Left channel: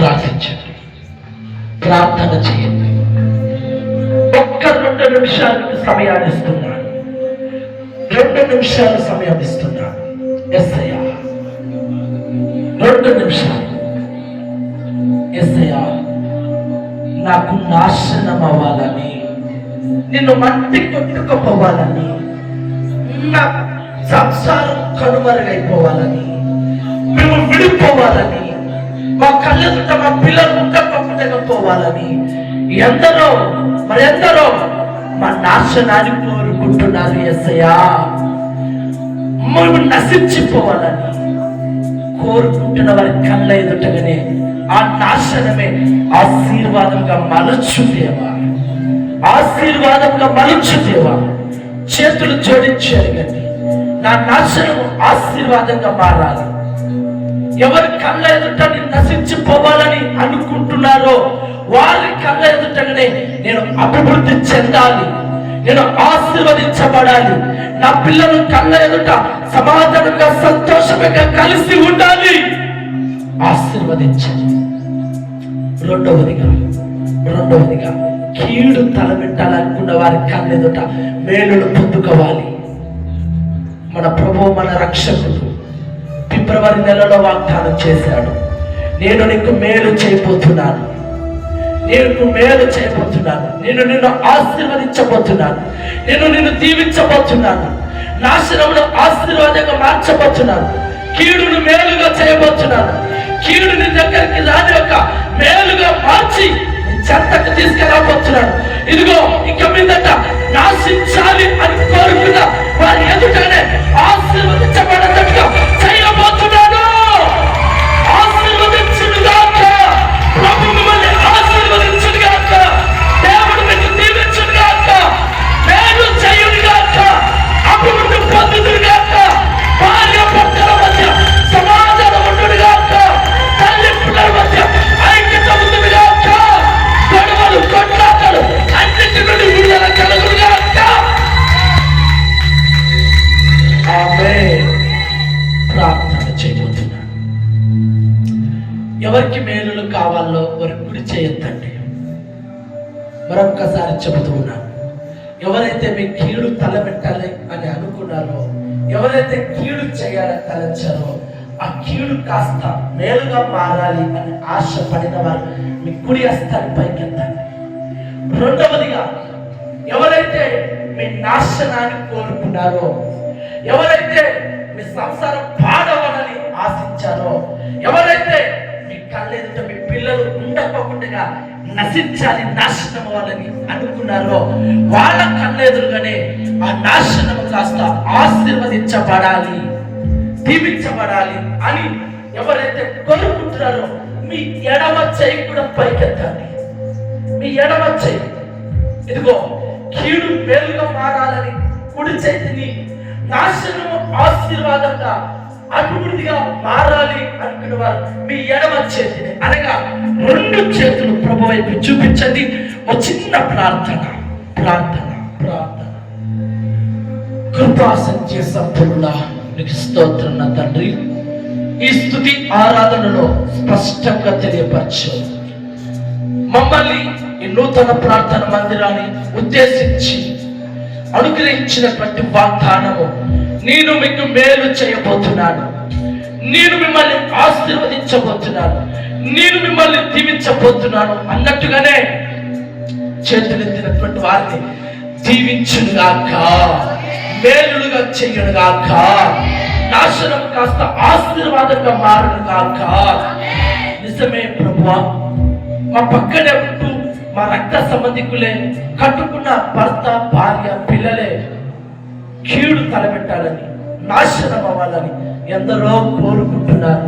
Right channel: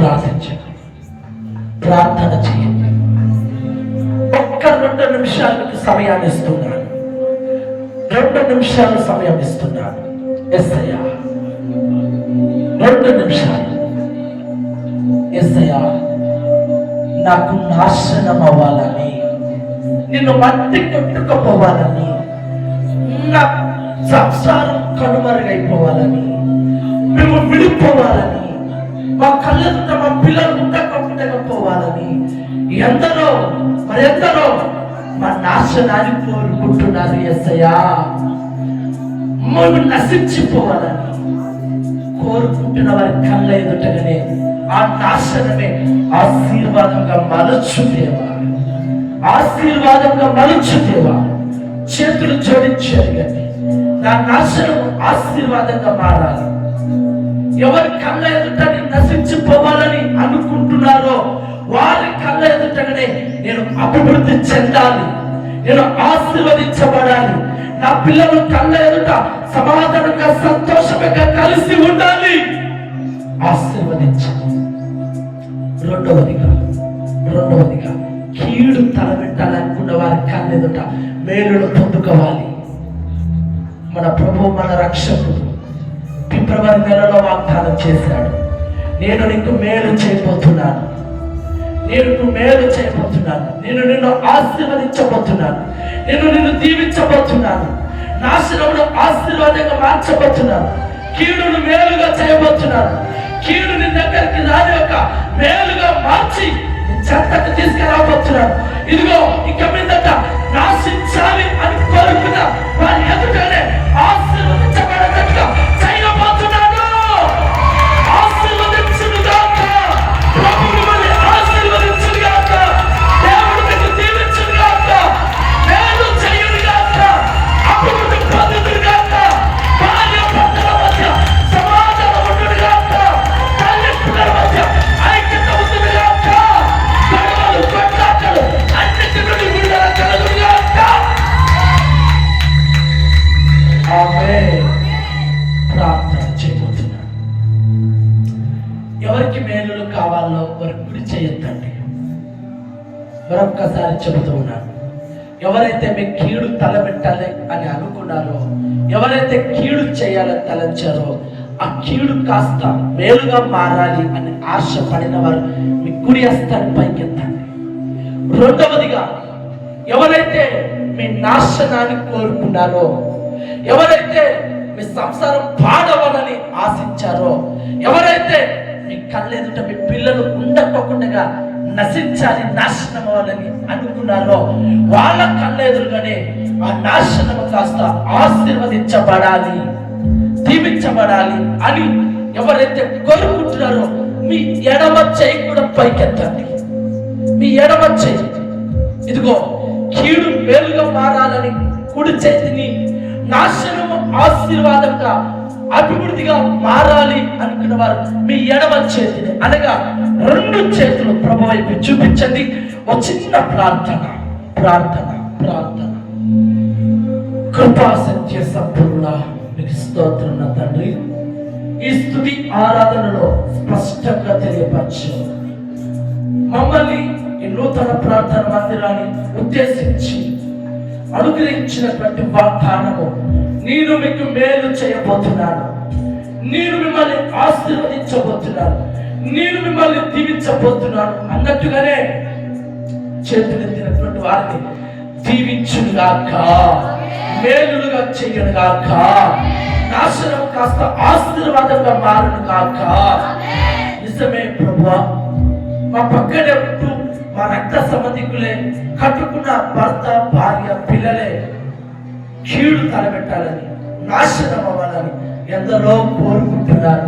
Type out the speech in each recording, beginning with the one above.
ప్రార్థించండి, ప్రార్థన చేయండి. ఒక్క 2 నిమిషాలకు సమయాన్ని ఇస్తున్నాను. 2 నిమిషాలు సమయం ఇస్తున్నాను. యేసయ్యా 2 నిమిషాలు. యేసయ్యా నాకు నాశనం అవ్వాలని, నిన్ను మట్టి కొట్టుకుపోవాలని, నా సంసారం కనుమరుగైపోవాలని, మేము విడిపోవాలని, మా కళ్ళెదుట మా పిల్లలు ఉండకపోవాలని ఎందరో మరెందరో మా నాశనాన్ని కోరుకుంటున్నారు. యేసయ్యా మేము నశించిపోవాలని కోరుకుంటున్న వారి కళ్ళ ఎదుటగానే ఆ నాశనమే ఆశీర్వాదంగా మలచు దేవా, ఆశీర్వాదంగా మలచు దేవా. చేతులు జోడించి అడగండి, నా నాశనము ఆశీర్వాదంగా మారాలి. ఎవరి కళ్ళ ఎదుట నశించిపోవాలని అనుకుంటున్నారో వారి కళ్ళ ఎదుటనే నేను అభివృద్ధి చెందాలి, నేను ఆశీర్వదించబడాలి, నా పిల్లలు కళ్ళ ఎదుట సమాధానంగా సంతోషంగా కలిసి ఉండాలి. ఆశీర్వదించండి. రెండవదిగా కీడు తలబెట్టాలనుకున్న వారి కళ్ళ ఎదుట మేలును పొందుకోవాలి. మన ప్రభువు, మన రక్షకుడు ఫిబ్రవరి నెలలో వాగ్దానం చేశాడు, నేను నీకు మేలు చేయబోతున్నాను, నేను మేలు చేయబోతున్నాను, నేను నిన్ను ఆశీర్వదించబోతున్నాను, నేను నిన్ను దీవించబోతున్నాను, నాశనంలో ఆశీర్వాదంగా మార్చబోతున్నాను, కీడును మేలుగా చేయబోతున్నాను, కీడు నీ దగ్గరికి రాని యొక్క మేలుగా మార్చి చెత్తకు తీసుకెళ్ళబోతున్నాను. ఇదిగో ఇక మీదట నాశించాలి అని కోరుకున్న వారి ఎదుటనే ఆశీర్వదించబడేటట్టుగా చేయబోతున్నాను. ఆశీర్వదించుగాక, ప్రభు మిమ్మల్ని ఆశీర్వదించుగాక, దేవుడు మీకు దీవించుగాక, మేలు చేయుగాక, అభివృద్ధి పొందుగాక, భార్య భర్తల మధ్య సమాధానం ఉండుగాక, తల్లి పిల్లల మధ్య ఐక్యత ఉండుగాక, గొడవలు కొట్లాటలు అన్నిటి నుండి విడుదల కలుగుగాక. ఆమేన్. ప్రార్థన చేయబోతున్నాను. ఎవరికి మేలులు కావాలో వారి కుడి చేయొద్దండి. మరొక్కసారి చెబుతూ ఉన్నాను, ఎవరైతే మీ కీడు తలబెట్టాలి అని అనుకున్నారో, ఎవరైతే కీడు చేయాలని తలంచారో, ఆ కీడు కాస్త మేలుగా మారాలి అని ఆశపడిన వారు మీ కుడి హస్తాన్ని పైకెత్తండి. రెండవదిగా ఎవరైతే మీ నాశనాన్ని కోరుకున్నారో, ఎవరైతే మీ సంసారం పాడవలని ఆశించారో, ఎవరైతే మీ కళ్ళెదుట మీ పిల్లలు ఉండకపోకుండా నశించాలి, నాశనం అవ్వాలని అనుకున్నారో, వాళ్ళ కళ్ళెదురుగానే ఆ నాశనము కాస్త ఆశీర్వదించబడాలి, దీవించబడాలి అని ఎవరైతే కోరుకుంటున్నారో మీ ఎడమ చేయి కూడా పైకెత్తండి. మీ ఎడమ చేయి, ఇదిగో కీడు మేలుగా మారాలని కుడి చేతిని, నాశనము ఆశీర్వాదంగా అభివృద్ధిగా మారాలి అనుకున్న వారు మీ ఎడమ చేతిని, అనగా 2 చేతులు ప్రభు వైపు చూపించండి. ఒక చిన్న ప్రార్థన. కృపా సత్య సంపూర్ణ నీకు స్తోత్రం నా తండ్రి. ఈ స్తుతి ఆరాధనలో స్పష్టంగా తెలియపరచు. మమ్మల్ని ఈ నూతన ప్రార్థన మందిరాన్ని ఉద్దేశించి అనుగ్రహించినటువంటి వాగ్దానము, నేను మీకు మేలు చేయబోతున్నాను, నేను మిమ్మల్ని ఆశీర్వదించబోతున్నాను, నేను మిమ్మల్ని దీవించబోతున్నాను అన్నట్టుగానే చేతులెత్తినటువంటి వారిని దీవించుగాక, మేలుగా చేయనుగాక, నాశనం కాస్త ఆశీర్వాదంగా మారునుగాక. నిజమే ప్రభువా, మా పక్కనే ఉంటూ మా రక్త సంబంధికులే, కట్టుకున్న భర్త భార్య పిల్లలే కీడు తలబెట్టాలని, నాశనం అవ్వాలని ఎందరో కోరుకుంటున్నారు.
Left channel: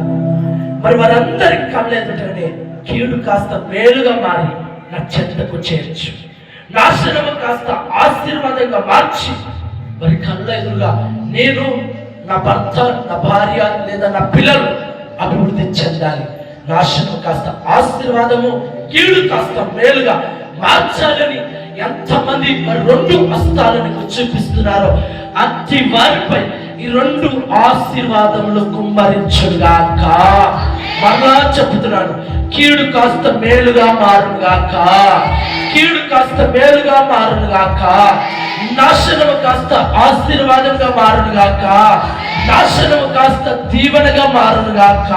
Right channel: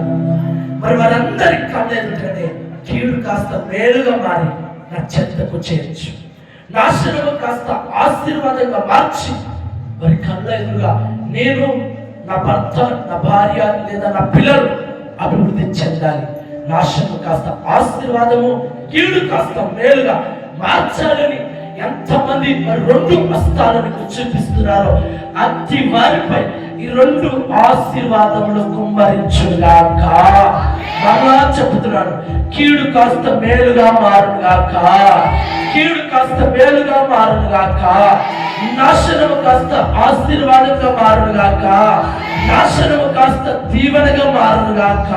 మరి వారందరి కళ్ళెదుటనే కీడు కాస్త మేలుగా మారి నా చెంతకు చేర్చు, నాశనము కాస్త ఆశీర్వాదంగా మార్చి వారి కళ్ళ ఎదురుగా నేను, నా భర్త, నా భార్య లేదా నా పిల్లలు అభివృద్ధి చెందాలి, నాశనము కాస్త ఆశీర్వాదము, కీడు కాస్త మేలుగా మార్చాలని ఎంతమంది మరి 2 హస్తాలను చూపిస్తున్నారో అట్టి వారిపై ఈ రెండు ఆశీర్వాదములు కుమ్మరించుగాక. మరలా చెబుతున్నాను, కీడు కాస్త మేలుగా మారుగాక, కీడు కాస్త మేలుగా మారుగాక, నాశనము కాస్త ఆశీర్వాదంగా మారుగాక, నాశనము కాస్త దీవెనగా మారుగాక.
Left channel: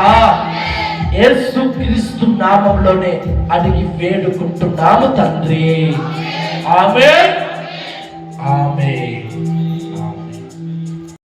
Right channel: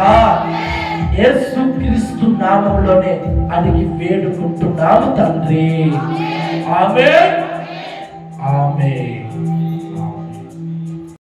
యేసుక్రీస్తు నామములోనే అడిగి వేడుకుంటున్నాము తండ్రి. ఆమేన్, ఆమేన్.